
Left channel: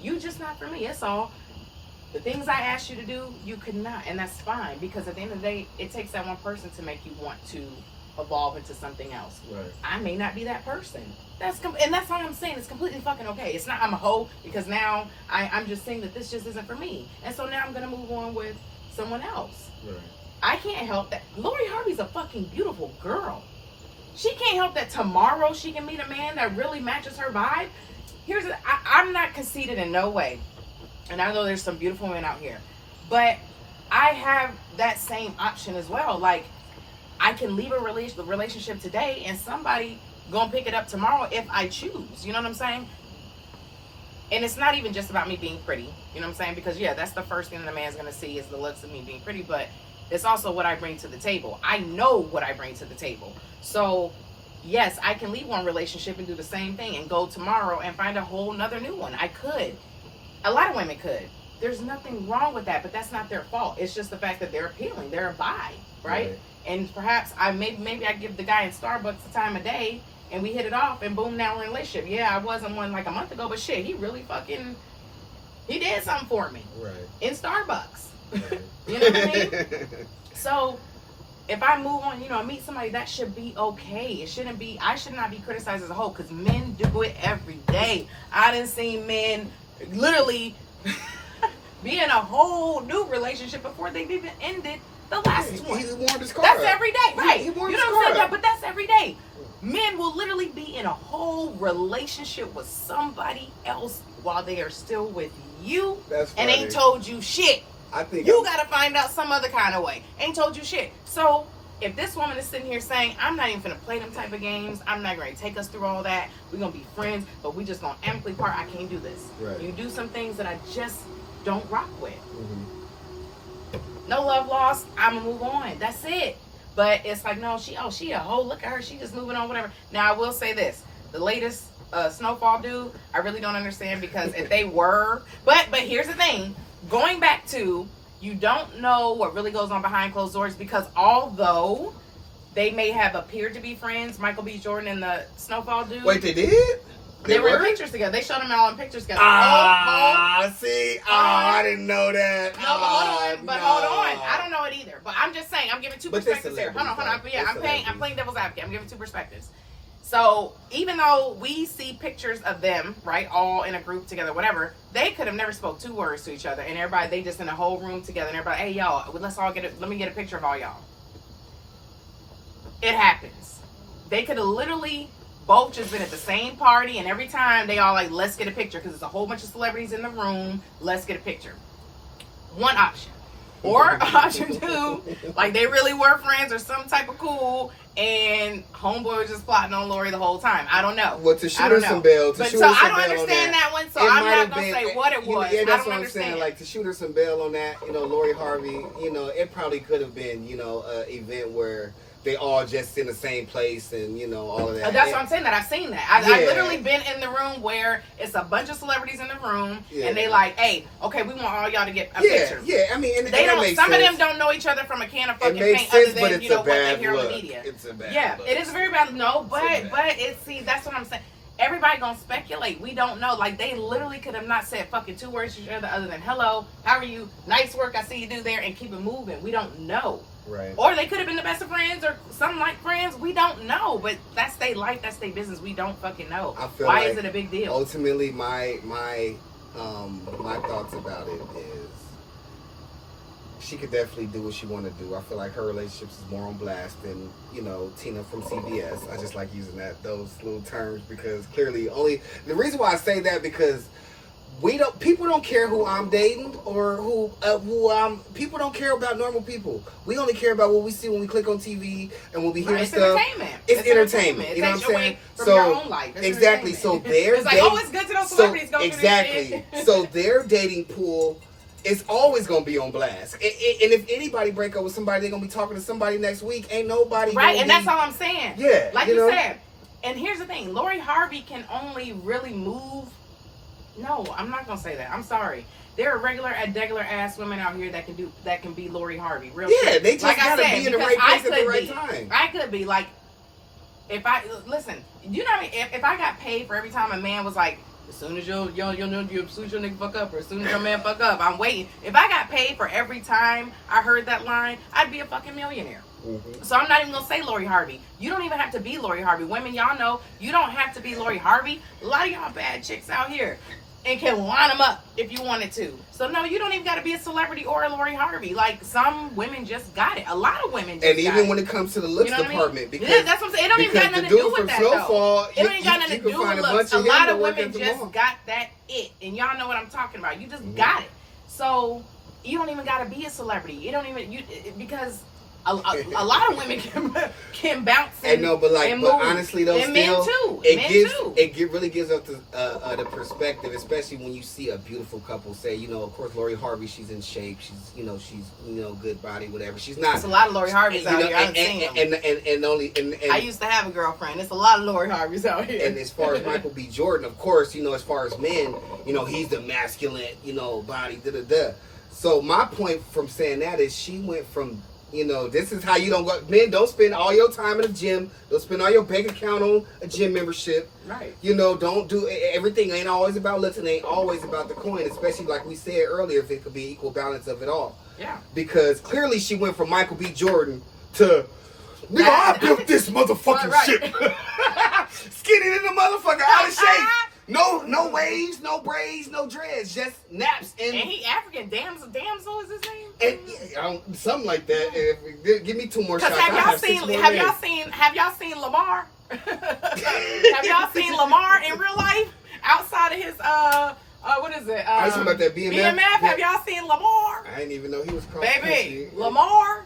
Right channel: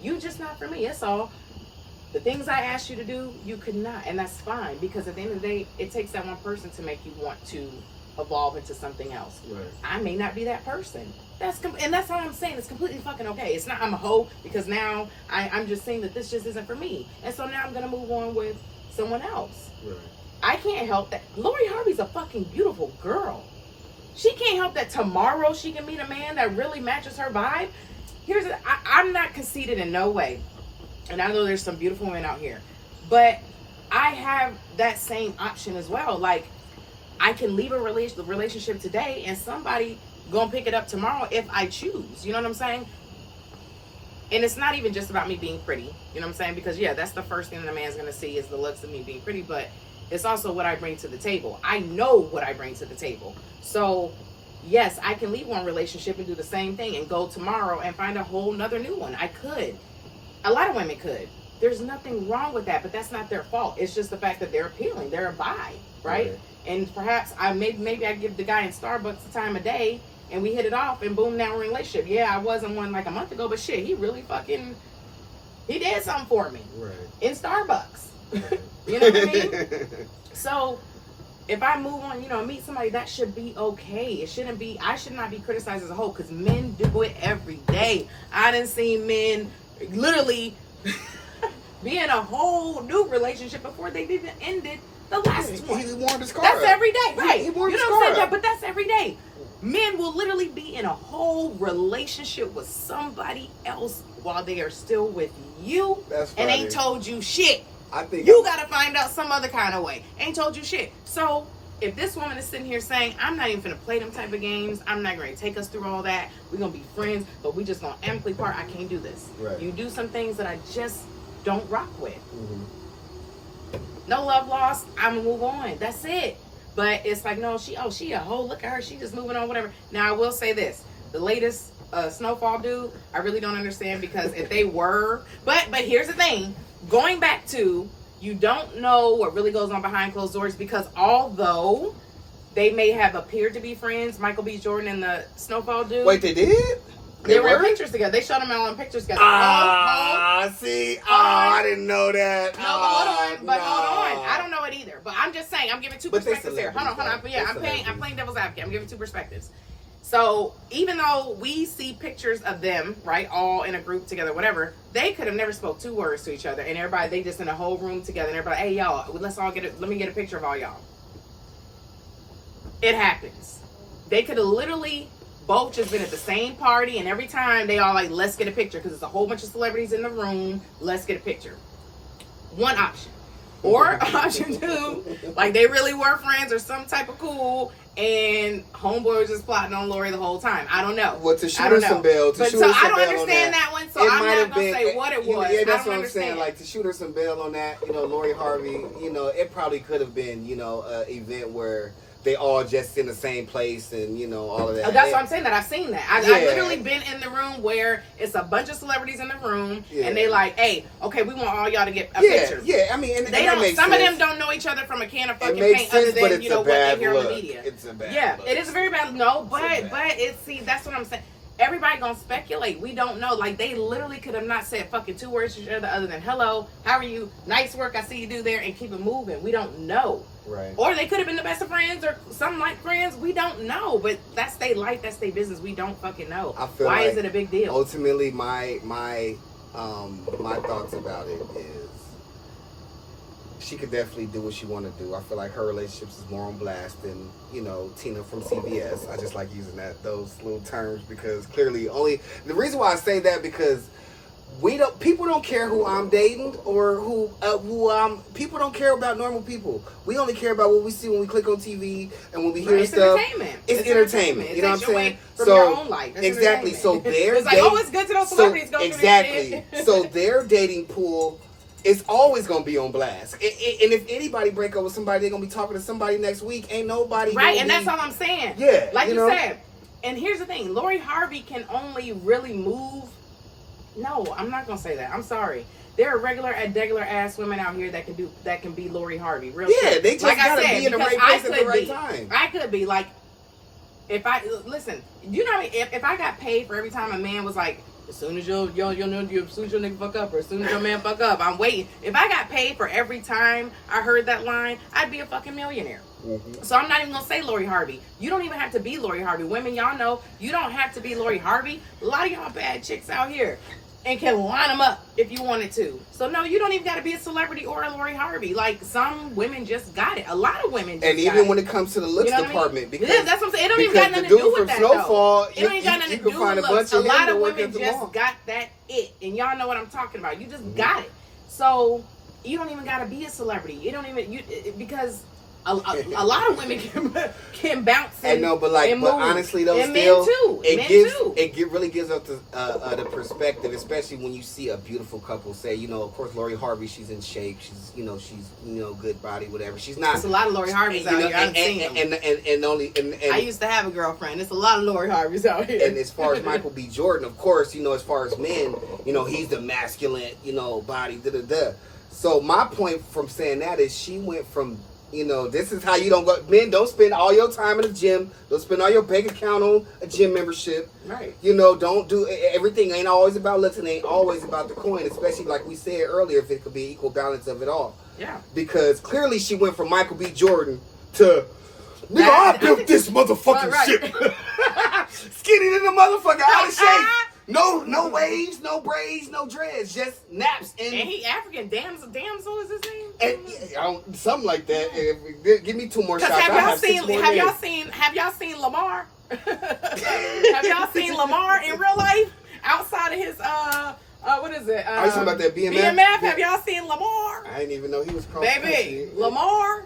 you just not for me. That's all. The things I asked you to do, you could not, and that's fine, because at the end of the day, it takes that one person to make you want to evolve into something else. Right. I may not be that person. And that's all I'm saying. It's completely fucking okay. It's not I'm a hoe because now I'm just saying that this just isn't for me, and so now I'm gonna move on with someone else. Right. I can't help that. Lori Harvey's a fucking beautiful girl. She can't help that tomorrow she can meet a man that really matches her vibe. I'm not conceited in no way. And I know there's some beautiful women out here. But I have that same option as well. Like, I can leave a relationship today and somebody gonna pick it up tomorrow if I choose. You know what I'm saying? And it's not even just about me being pretty. You know what I'm saying? Because, yeah, that's the first thing that a man's gonna see is the looks of me being pretty. But it's also what I bring to the table. I know what I bring to the table. So, yes, I can leave one relationship and do the same thing and go tomorrow and find a whole nother new one. I could. A lot of women could. There's nothing wrong with that, but that's not their fault. It's just the fact that they're appealing. They're a vibe, right? And perhaps maybe I give the guy in Starbucks the time of day, and we hit it off, and boom, now we're in a relationship. Yeah, I wasn't one like a month ago, but shit, he really fucking, he did something for me. Right. In Starbucks. Right. You know what I mean? So, if I move on, you know, meet somebody, that should be okay. It shouldn't be, I should not be criticized as a whole, because men do it every day. I done seen men literally be in a whole new relationship before they've even ended the last one. He warmed his car That's up. every day, right? He warmed You his know what I'm car saying? up. But that's every day. Men will literally be in a whole relationship with somebody else while they are still with you. That's and funny. ain't told you shit. I think You gotta find out some other kind of way. Ain't told you shit. So if this woman is sitting here saying, I'm not even gonna play them type of games, I'm not gonna take us through all that, we're gonna be friends, but we just gonna amicably part, I can't do this. Right. You do some things that I just don't rock with. Mm-hmm. No love lost, I'ma move on. That's it. But it's like, no, she a hoe, look at her, she just moving on, whatever. Now I will say this, the latest Snowfall dude, I really don't understand, because if they were, but here's the thing, going back to, you don't know what really goes on behind closed doors, because although they may have appeared to be friends, Michael B. Jordan and the Snowfall dude. Wait, they did? They were in pictures together. They showed them all in pictures together. See? I didn't know that. No, but hold on. I don't know it either. But I'm just saying, I'm giving two perspectives here. Hold on. Yeah, I'm playing devil's advocate. I'm giving two perspectives. So even though we see pictures of them, right, all in a group together, whatever, they could have never spoke two words to each other, and everybody, they just in a whole room together, and everybody, hey y'all, let me get a picture of all y'all. It happens. They could have literally both just been at the same party, and every time they all like, let's get a picture, because there's a whole bunch of celebrities in the room, let's get a picture. One option. Or option two, like they really were friends or some type of cool, and homeboy was just plotting on Lori the whole time. I don't know. Well, to shoot her some bail. But so I don't understand that one, so I'm not going to say what it was. Yeah, that's I don't what I'm understand. saying. Like, to shoot her some bail on that, you know, Lori Harvey, you know, it probably could have been, you know, an event where they all just in the same place and, you know, all of that. That's what I'm saying, that I've seen that. I've literally been in the room where it's a bunch of celebrities in the room, and they like, hey, okay, we want all y'all to get a picture. Yeah, I mean, and they that don't. Makes Some sense. of them don't know each other from a can of fucking makes paint, sense, other but than, it's you know, a what they bad hear on the look. media. It's a bad look. It is a very bad but that's what I'm saying. Everybody gonna speculate. We don't know. Like, they literally could have not said fucking two words to each other other than hello, how are you, nice work, I see you do there, and keep it moving. We don't know. Right. Or they could have been the best of friends or something like friends. We don't know. But that's their life, that's their business. We don't fucking know. I feel Why like is it a big deal? Ultimately, my thoughts about it is she could definitely do what she want to do. I feel like her relationships is more on blast than, you know, Tina from CBS. I just like using those little terms, because clearly the reason why I say that, because people don't care who I'm dating or people don't care about normal people. We only care about what we see when we click on TV and when we hear stuff. Entertainment. It's entertainment. You know what I'm saying? From your own life. Exactly. So they're it's like, oh, it's good to know celebrities go through this shit. So their dating pool is always gonna be on blast. And if anybody break up with somebody, they're gonna be talking to somebody next week. Ain't nobody right, and that's all I'm saying. Yeah. Like you said. And here's the thing, Lori Harvey can only really move. No, I'm not gonna say that. I'm sorry. There are regular ass women out here that can be Lori Harvey. Real shit. They just gotta be in the right place at the right time. I could be like, if I listen, you know what I mean? If I got paid for every time a man was like, as soon as your nigga fuck up, or as soon as your man fuck up, I'm waiting. If I got paid for every time I heard that line, I'd be a fucking millionaire. Mm-hmm. So I'm not even gonna say Lori Harvey. You don't even have to be Lori Harvey. Women, y'all know you don't have to be Lori Harvey. A lot of y'all bad chicks out here and can line them up if you wanted to. So no, you don't even got to be a celebrity or a Lori Harvey. Like, some women just got it. A lot of women just and even when it comes to the looks department, because that's what I'm saying. It don't even got nothing to do with that, Snowfall, though. It don't even got nothing to do with looks. A lot of women just got that it, and y'all know what I'm talking about. You just got it. So you don't even got to be a celebrity. You don't even because a lot of women can bounce and, but honestly though, and still, men too. It really gives up the perspective, especially when you see a beautiful couple. Say, you know, of course, Lori Harvey, she's in shape. She's good body, whatever. She's not. There's a lot of Lori Harveys out here. I've seen them. And I used to have a girlfriend. There's a lot of Lori Harveys out here. And as far as Michael B. Jordan, of course, as far as men, he's the masculine, body, So my point from saying that is she went from You know, this is how you don't go. Men, don't spend all your time in the gym. Don't spend all your bank account on a gym membership. Right. You know, don't do everything. Ain't always about looking. Ain't always about the coin. Especially like we said earlier, if it could be equal balance of it all. Yeah. Because clearly she went from Michael B. Jordan to, nigga, I built this motherfucking shit. Skinny than the motherfucker, out of shape. No waves, no braids, no dreads, just naps and he African. Damsel is his name. And, something like that. Give me 2 more shots. Have y'all seen Lamar? Have y'all seen Lamar in real life? Outside of his what is it? I was talking about that BMF. BMF. Yeah. Have y'all seen Lamar? I didn't even know he was called. Baby, Lamar.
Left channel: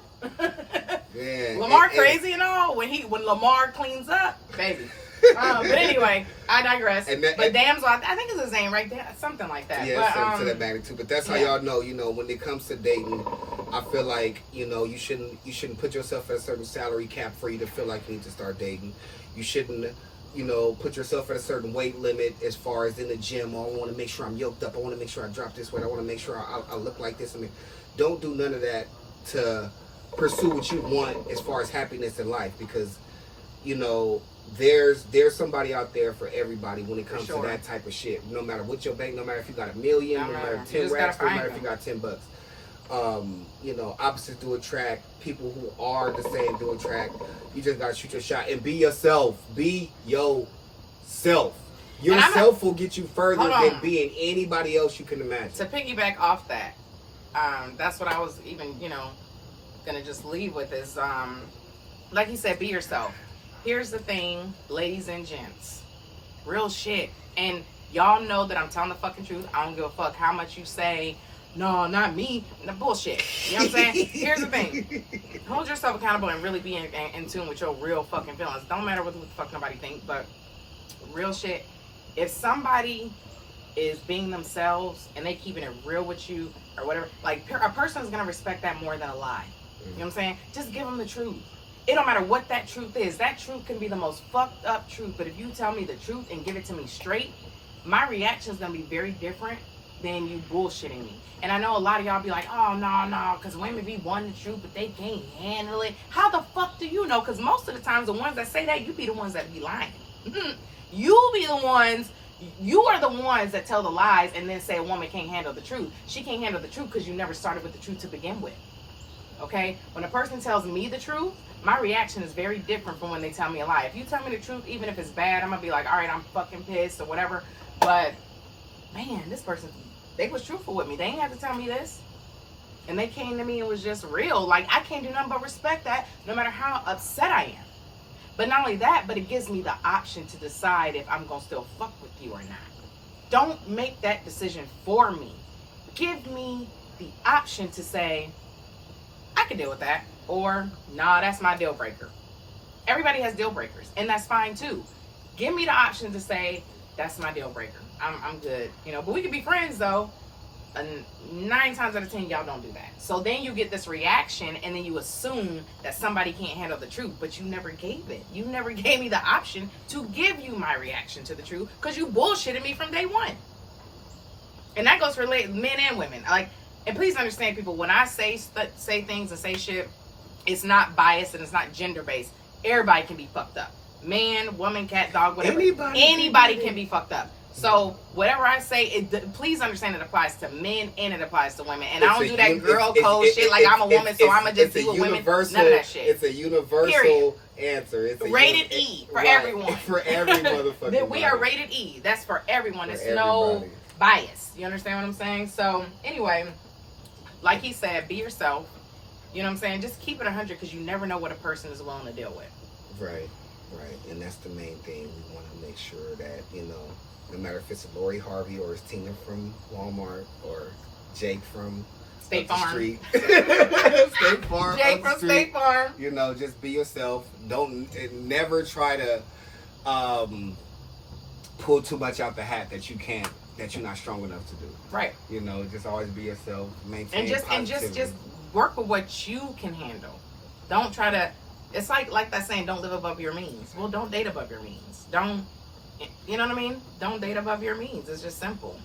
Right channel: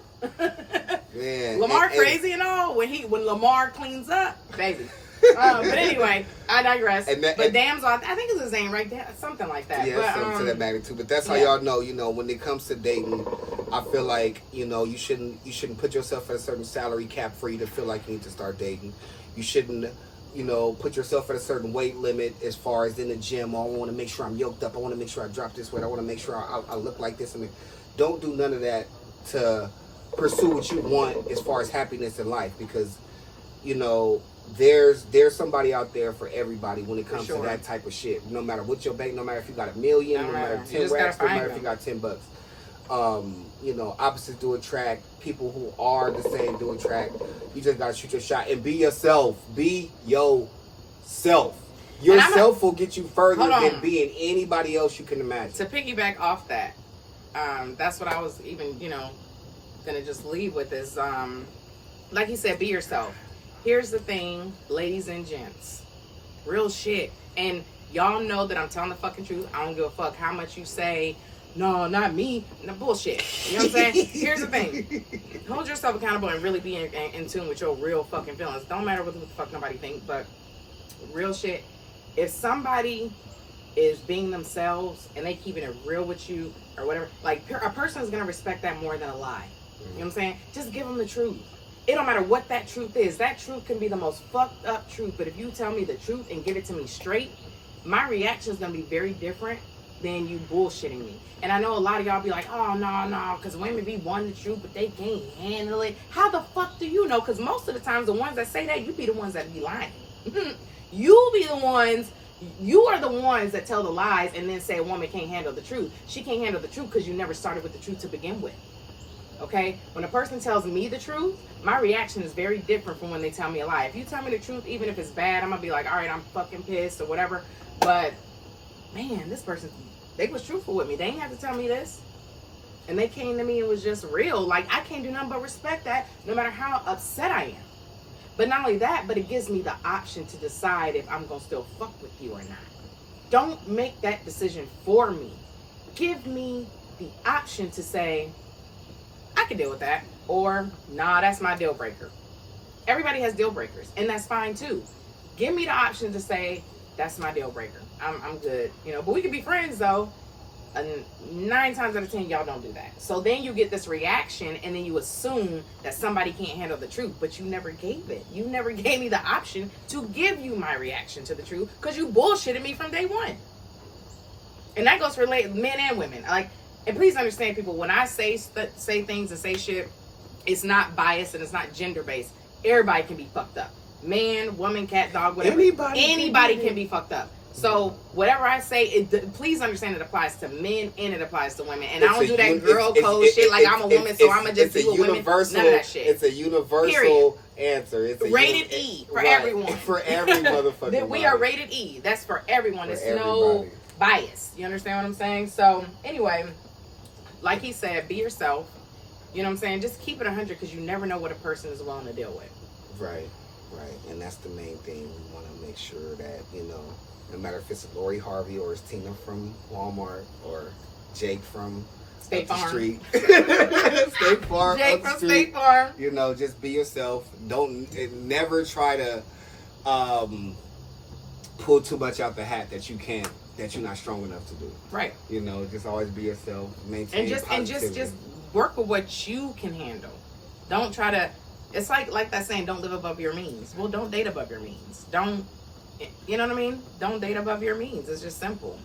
Yeah. Lamar crazy and all when Lamar cleans up, baby. But anyway, I digress. But Damsel, I think it's his name, right? Something like that. Yeah, something to that magnitude. But that's how y'all know. You know, when it comes to dating, I feel like you shouldn't put yourself at a certain salary cap for you to feel like you need to start dating. You shouldn't, put yourself at a certain weight limit as far as in the gym. Oh, I want to make sure I'm yoked up. I want to make sure I drop this weight. I want to make sure I look like this. I mean, don't do none of that to pursue what you want as far as happiness in life, because there's somebody out there for everybody when it comes to that type of shit. No matter what your bank, no matter if you got $1 million, no matter 10 racks, no matter if you got $10. Opposites do attract. People who are the same do attract. You just gotta shoot your shot and be yourself. Be yourself. Yourself will get you further than being anybody else you can imagine. To piggyback off that, that's what I was even, gonna just leave with is, like you said, be yourself. Here's the thing, ladies and gents, real shit. And y'all know that I'm telling the fucking truth. I don't give a fuck how much you say, no, not me, no bullshit. You know what I'm saying? Here's the thing. Hold yourself accountable and really be in tune with your real fucking feelings. Don't matter what the fuck nobody thinks, but real shit. If somebody is being themselves and they keeping it real with you or whatever, like a person is going to respect that more than a lie. You know what I'm saying? Just give them the truth. It don't matter what that truth is. That truth can be the most fucked up truth, but if you tell me the truth and give it to me straight, my reaction is going to be very different than you bullshitting me. And I know a lot of y'all be like, oh, no, because women be wanting the truth, but they can't handle it. How the fuck do you know? Because most of the times, the ones that say that, you be the ones that be lying. You be the ones, you are the ones that tell the lies and then say a woman can't handle the truth. She can't handle the truth because you never started with the truth to begin with. Okay? When a person tells me the truth, my reaction is very different from when they tell me a lie. If you tell me the truth, even if it's bad, I'm going to be like, all right, I'm fucking pissed or whatever. But, man, this person, they was truthful with me. They ain't have to tell me this. And they came to me and was just real. Like, I can't do nothing but respect that no matter how upset I am. But not only that, but it gives me the option to decide if I'm going to still fuck with you or not. Don't make that decision for me. Give me the option to say, I can deal with that. Or, nah, that's my deal breaker. Everybody has deal breakers, and that's fine too. Give me the option to say, that's my deal breaker. I'm good. But we can be friends though. And 9 times out of 10, y'all don't do that. So then you get this reaction, and then you assume that somebody can't handle the truth, but you never gave it. You never gave me the option to give you my reaction to the truth because you bullshitted me from day one. And that goes for men and women. And please understand, people, when I say things and say shit, it's not biased and it's not gender based. Everybody can be fucked up. Man, woman, cat, dog, whatever. Anybody can be fucked up. So whatever I say, please understand it applies to men and it applies to women. And I don't do that girl code shit like I'm a woman, so I'm going to just be with women. None of that shit. It's a universal answer. It's rated E for everyone. For every motherfucker. We are rated E. That's for everyone. There's no bias. You understand what I'm saying? So anyway, like he said, be yourself. You know what I'm saying? Just keep it 100 because you never know what a person is willing to deal with. Right. And that's the main thing. We want to make sure that, no matter if it's Lori Harvey or it's Tina from Walmart or Jake from State Farm. Street. State Farm. Jake from State Farm. Just be yourself. Never try to pull too much out the hat that you're not strong enough to do. Right. Just always be yourself. Maintain and just work with what you can handle. Don't try to. It's like that saying, don't live above your means. Well, don't date above your means. Don't. You know what I mean? Don't date above your means. It's just simple.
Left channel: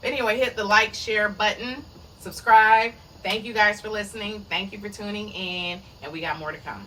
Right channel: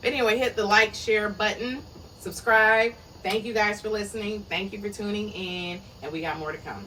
But anyway, hit the like, share button, subscribe. Thank you guys for listening. Thank you for tuning in, and we got more to come.